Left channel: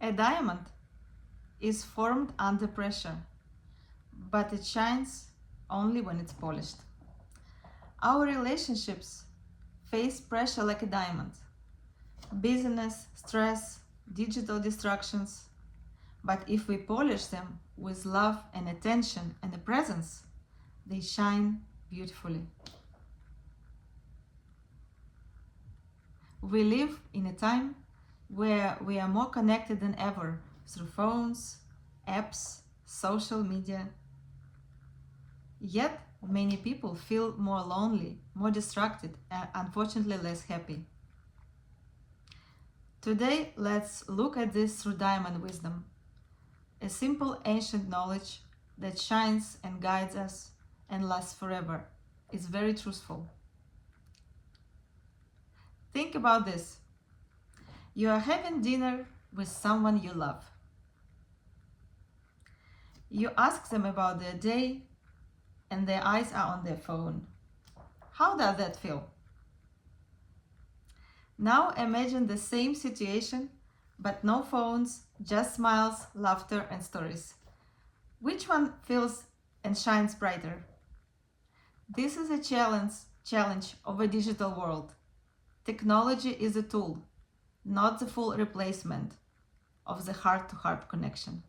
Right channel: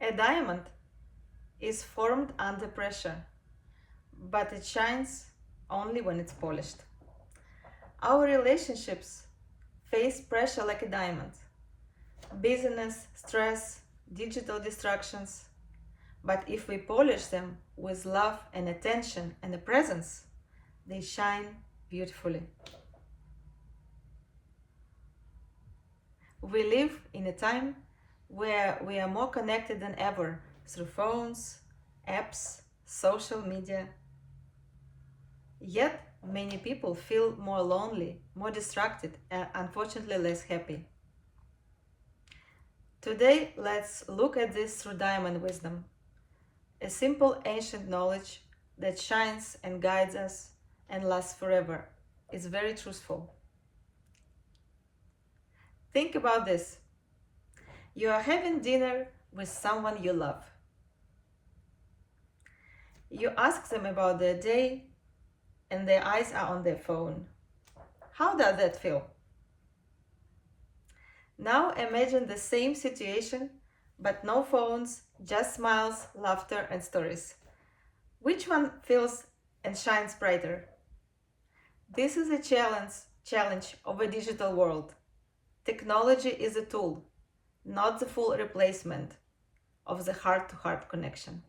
A diamond is formed under pressure, but it shines only when it's polished. Our relationships face pressure like a diamond. Busyness, stress, digital distractions. But if we polish them with love and attention and a presence, they shine beautifully. We live in a time where we are more connected than ever through phones, apps, social media. Yet, many people feel more lonely, more distracted, and unfortunately less happy. Today, let's look at this through diamond wisdom, a simple ancient knowledge that shines and guides us and lasts forever. It's very truthful. Think about this. You are having dinner with someone you love. You ask them about their day, and their eyes are on their phone. How does that feel? Now imagine the same situation, but no phones, just smiles, laughter, and stories. Which one feels and shines brighter? This is a challenge of a digital world. Technology is a tool, not the full replacement of the heart-to-heart connection.